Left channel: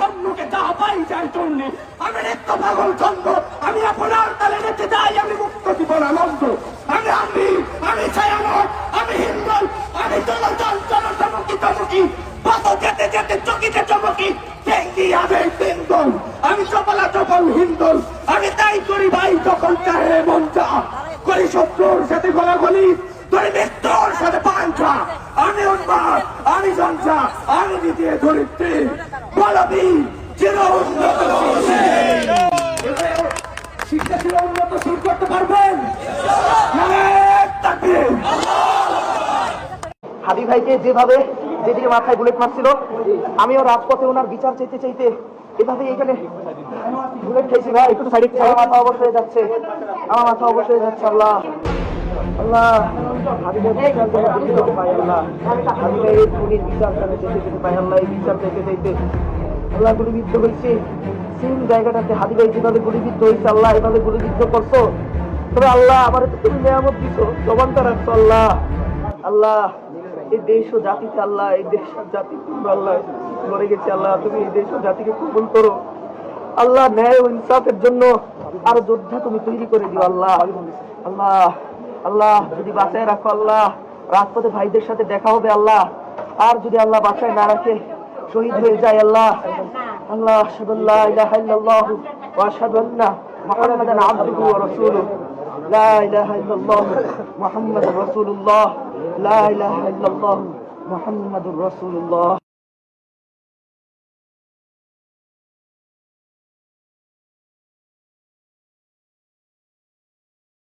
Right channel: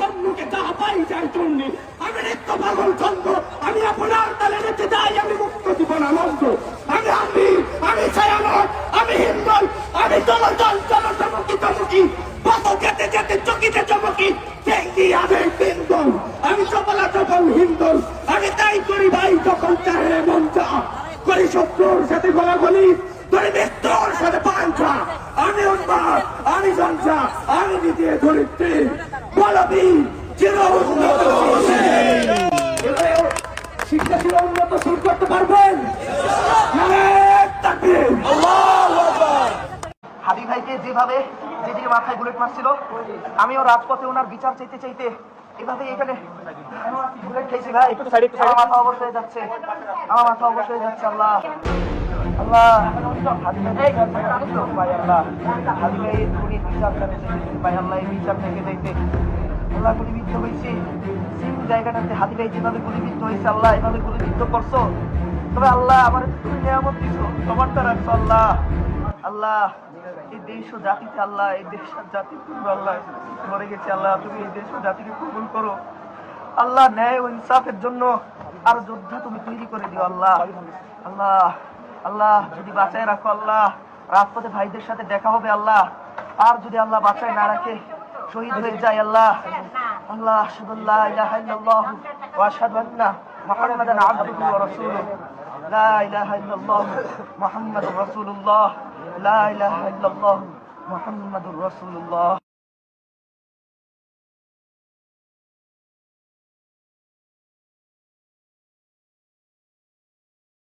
সম্মুখে যা পাই যায় চন্ডী, আমি নিত্য পাগল ছন্দ, আমি আপনার তালে নেচে যাই, আমি মুক্ত জীবনানন্দ, আমি ছায়ানট, আমি হিন্দল, আমি জলজল জলচমকি চমকি, পথ যেতে যেতে চকিতে চমকি, চেঙ্গি আবেগ বিন্দল, আমি চপলা চপল হিন্দল, আমি তাই করি ভাই যখন চাহে মন চা, করি শত্রুর সাথে গলাগলি, ধরি মৃত্যুর সাথে পাঞ্চা, আমি উন্মাদ, আমি সঞ্চা, আমি দ্বিতীয় ধরিত্রী, বলবি চির উন্নত শিক্ষা ছিল উন্নত শুরু করতে পারবেন। হাদি ভাইকে যেভাবে যেদিকে মাথায় বুলেট মারছিল, আমিও রাজপথে ওনার বিচার চাইতে চাইতে এভাবে এখানে বুলেট খাইছি ভাই। আমার মাথা অবস্থ হয়ে যাচ্ছে, আমার মাথা অবস্থ হয়ে যাচ্ছে। আল্লাহ আল্লাহ, হাদি ভাই বিচার যেন যেতে পাই আল্লাহ, হাদি ভাই উনি বিচার যেন যেতে পাই আল্লাহ, এই বিচার চাইতে চাইতে আল্লাহ গুলিবিদ্ধ হয়েছে। সেম জায়গাটাতে হাদি ভাই যেভাবে গুলিবিদ্ধ হয়েছে আল্লাহ এভাবে গুলিবিদ্ধ করছো, তবে আল্লাহ আমার তো তুমি নিয়ামত দিছো, জবানটা রাখছো আল্লাহ। আল্লাহ এই দেশ ও জাতিকে আল্লাহ, এই দেশ আর জাতি আল্লাহ মরে গেছে আল্লাহ, তুমি এই দেশ ও জাতিকে কবুল করো আল্লাহ। ন্যায় ও ইনসাফের জন্য আরো যোদ্ধা তুমি তৈরি করে দিও আল্লাহ। আল্লাহ আল্লাহ যদি বাঁচায় রাখো আল্লাহ, রাজপথে ভাইদের সাথে দেখা হবে আল্লাহ। আর যদি আল্লাহ বাঁচায় না রাখে, শহীদ হয়ে যায় আল্লাহ। আল্লাহ আশহাদু আল্লা ইলাহা ইল্লাল্লাহু ওয়া আশহাদু আন্না মুহাম্মাদান আবদুহু ওয়া রাসূলুহু। লা ইলাহা ইল্লাল্লাহু মুহাম্মাদুর রাসূলুল্লাহ। লা ইলাহা ইল্লাল্লাহু মুহাম্মাদুর রাসূলুল্লাহ।